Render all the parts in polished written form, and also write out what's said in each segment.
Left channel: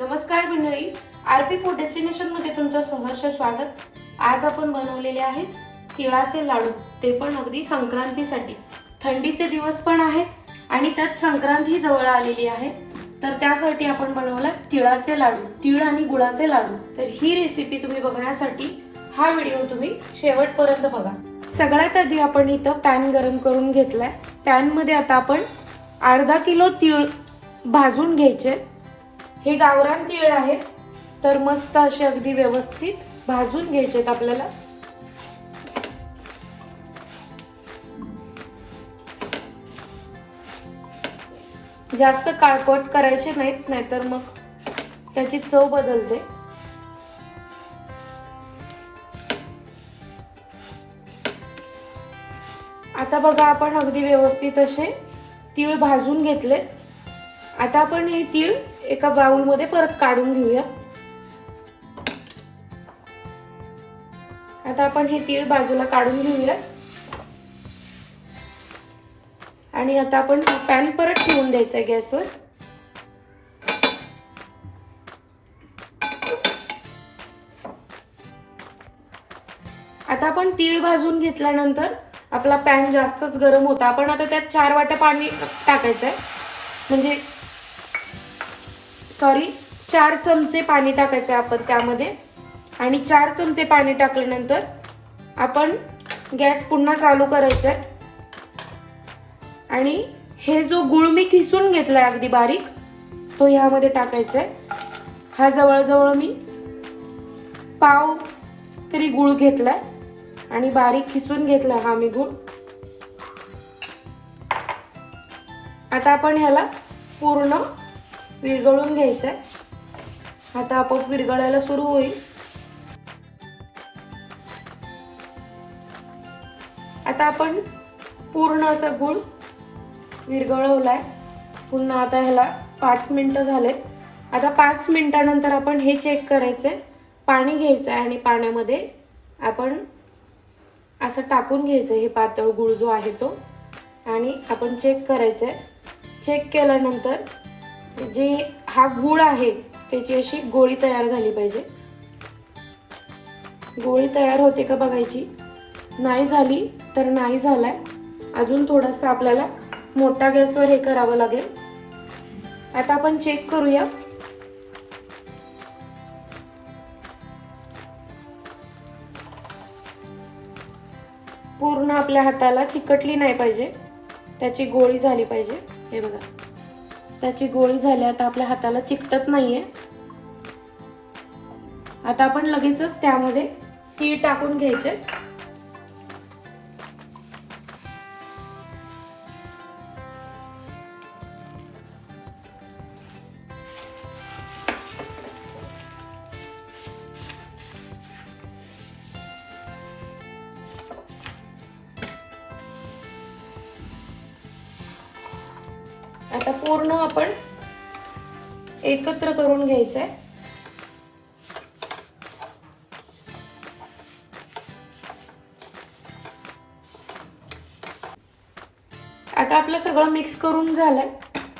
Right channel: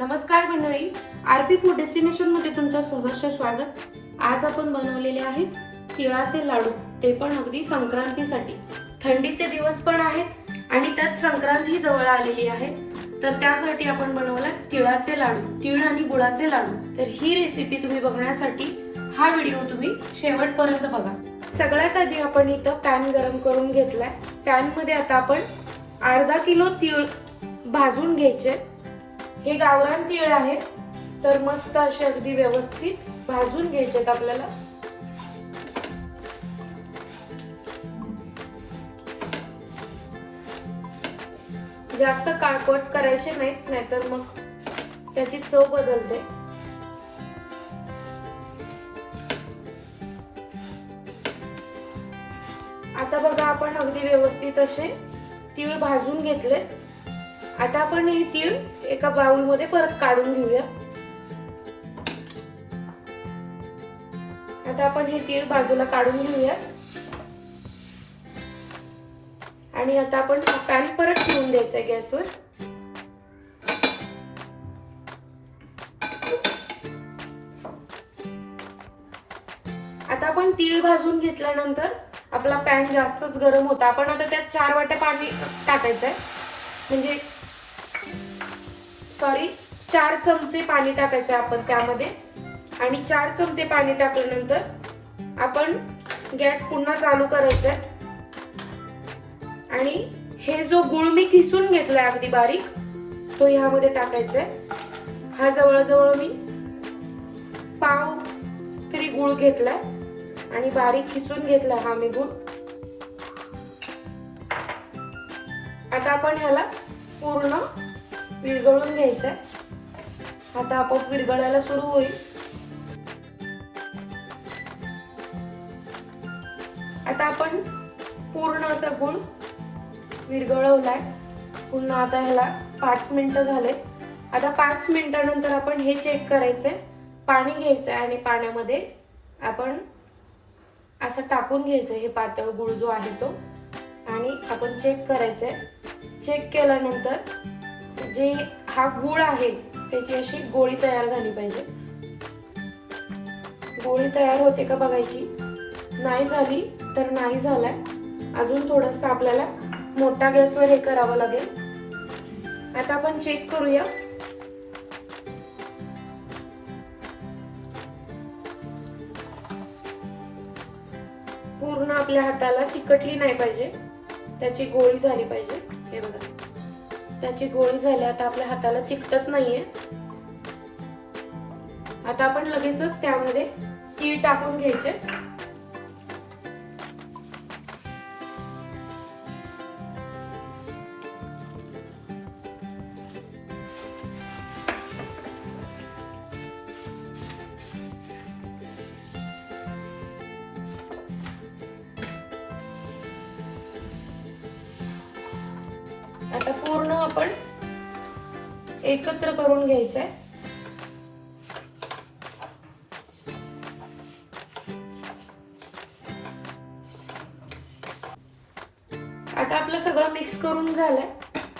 नमस्कार मंडळी, RP food destination मध्ये तुमचं सहर्ष स्वागत। आज आपण बनवलेले आहेत तिळाचे लाडू, ते पण अगदी संक्रांतीसाठी। थंडीचे दिवस पण आहेत आणि त्यात संक्रांती जवळ आलेली आहे, तर त्यासाठी आपण बनवला तिळाचे लाडू, तीळ आणि गुळाचे लाडू। तर ही रेसिपी तुम्ही बघण्यासाठी हा व्हिडिओ तुम्ही शेवटपर्यंत बघा। सगळ्यात आधी आपण इथं पॅन गरम करून घेतलाय। पॅन मध्ये आता आपण अर्धा किलो तीळ भाजून घ्यायचे। हे गावरान तीळ आहेत, तर मस्त असे अगदी व्यवस्थित भाजून घ्यायचेत आपल्याला। जास्त काळपट करायचे नाहीत, नाहीतर मग त्याची चव बदलते। आता बघा, आपण अगदी व्यवस्थित असे तीळ भाजून घेतले। आता आपण हे तीळ एका बाउल मध्ये परत काढून घेऊया। आता आपण हे तीळ बाजूला काढून घेऊया आणि आता आपण पॅन परत ठेवून द्यायचंय गॅसवर। आता आपण तीळ भाजून घेतल्यानंतर आपला पॅन जास्तच गरम होता। आपण आता त्यात 4 वाट्या पाणी टाकायचंय, म्हणजे 4 चमचे पाणी टाकायचंय आपण त्यामध्ये। आणि 4 चमचे पाणी टाकल्यानंतर आपण गॅस पुन्हा चालू करायचा आणि हे जो गुळ मी किसून घेतलाय अगदी बारीक, तो ह्यामध्ये टाकायचा आहे। हा जवळजवळ मी पाव तरी गुळ घेतलाय आणि बारीक किसून घेतलाय हा मी गुळ। आता आपण ह्याला पूर्ण विरघळून घ्यायचंय। आता आपोआप विरघळायला सुरू होईल। आता आपण पूर्ण असा गुळ विरघळवलाय। पुन्हा आता ह्याला 5 मिनिटं झालेत। आता 5 मिनिटानंतर आपण हे चेक करायचंय। पाणी घ्यायचंय आणि पाण्यामध्ये आपण असं टाकून घ्यायचं हे पातळ गुळ जो आहे तो, आणि आपण चेक करायचंय। चेक केल्यानंतर जे हा गुळ आहे त्याची अशी गोळी तयार झाली पाहिजे। गोळी तयार होते का बघायची, नाही झाली तर नाही झालाय, अजून थोडंसं आपल्याला मोठा गॅसवर हे करावं लागेल। आता आपण चेक करूया। पूर्ण आपल्या हाताला चिकटली नाही पाहिजे, त्याची गोळी झाली पाहिजे। हे बघा, त्याची गोळी झाली, आता आपल्या हाताला चिकटत नाहीये। आता आपण लगेचच त्यामध्ये तीळ टाकून घ्यायचे। आता पूर्ण आपण एकत्र करून घ्यायचंय। आता आपलं सगळं मिक्स करून झालंय।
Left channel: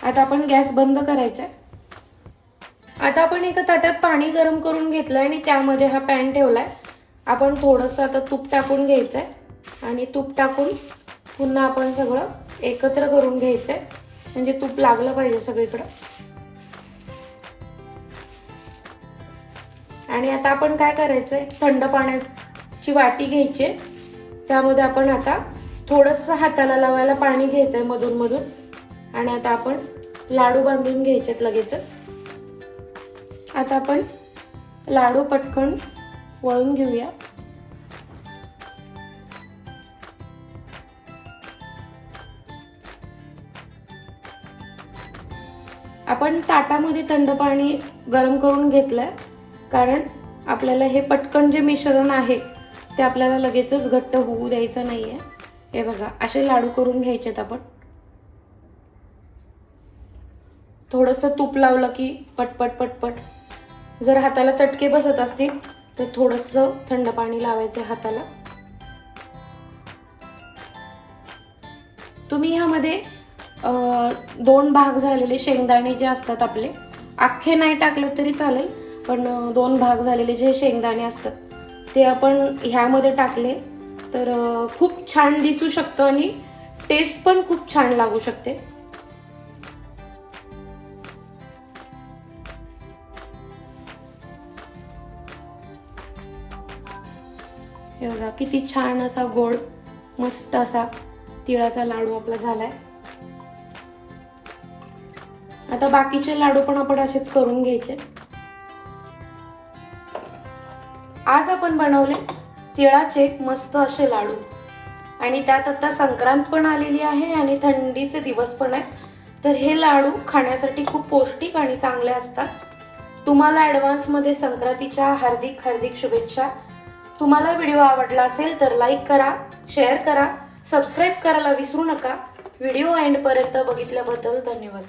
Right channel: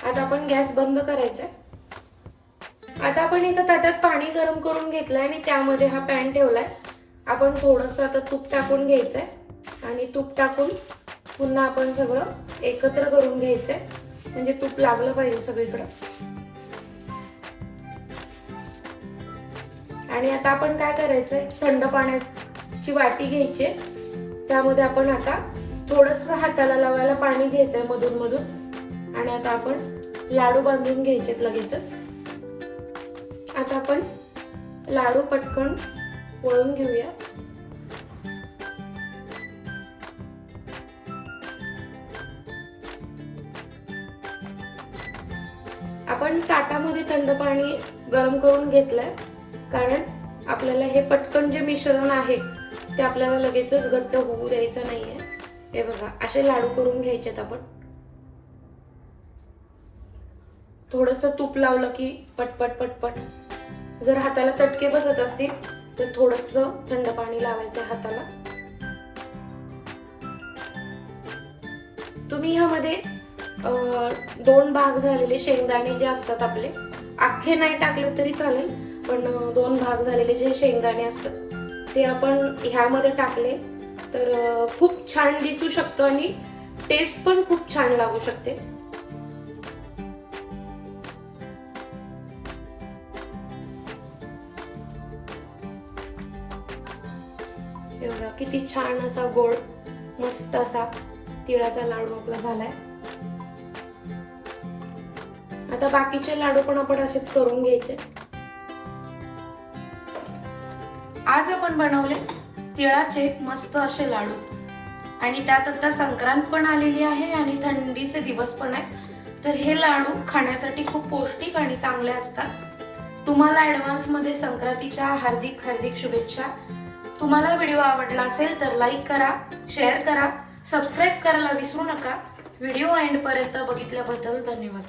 आता आपण गॅस बंद करायचा आहे। आता आपण एका ताटात पाणी गरम करून घेतलंय आणि त्यामध्ये हा पॅन ठेवलाय। आपण थोडंसं आता तूप टाकून घ्यायचंय आणि तूप टाकून पुन्हा आपण सगळं एकत्र करून घ्यायचंय, म्हणजे तूप लागलं पाहिजे सगळीकडे। आणि आता आपण काय करायचंय, थंड पाण्याची वाटी घ्यायची, त्यामध्ये आपण आता थोडंसं हाताला लावायला पाणी घ्यायचंय मधून मधून, आणि आता आपण लाडू बांधून घ्यायचेत लगेचच। आता आपण लाडू पटकन वळून घेऊया। आपण ताटामध्ये थंड पाणी गरम करून घेतलंय, कारण आपल्याला हे पटकन जे मिश्रण आहे ते आपल्याला लगेचच घट्ट होऊ द्यायचं नाहीये। हे बघा, असे लाडू करून घ्यायचेत आपण। थोडंसं तूप लावलं की पटपट पटपट, जर हाताला चटके बसत असतील तर थोडंसं थंड पाणी लावायचं हाताला। तुम्ही ह्यामध्ये 2 भाग झालेले शेंगदाणे जे असतात आपले, अख्खे नाही टाकलं तरी चालेल, पण 2 भाग झालेले जे शेंगदाणे असतात ते आपण ह्यामध्ये टाकले तर खूप छान दिसू शकतं आणि टेस्ट पण खूप छान लागू शकते. हे बघा किती छान असा गोड मस्त असा तिळाचा लाडू आपला झालाय. आता बाकीचे लाडू पण आपण असेच करून घ्यायचे. आज आपण बनवले तिळाचे मस्त असे लाडू आणि त्यात आता संक्रांत पण आलेली आहे आणि थंडीचे दिवस पण आहेत, तर हे लाडू खाण्यासाठी खूप पौष्टिक आणि चांगले असतात. तुम्हाला ऍडव्हान्स मध्ये संक्रांतीच्या हार्दिक हार्दिक शुभेच्छा. तुम्हाला व्हिडिओ आवडला असेल तर लाईक करा, शेअर करा, सबस्क्राईब करायला विसरू नका. व्हिडिओ एंड पर्यंत बघितल्याबद्दल धन्यवाद.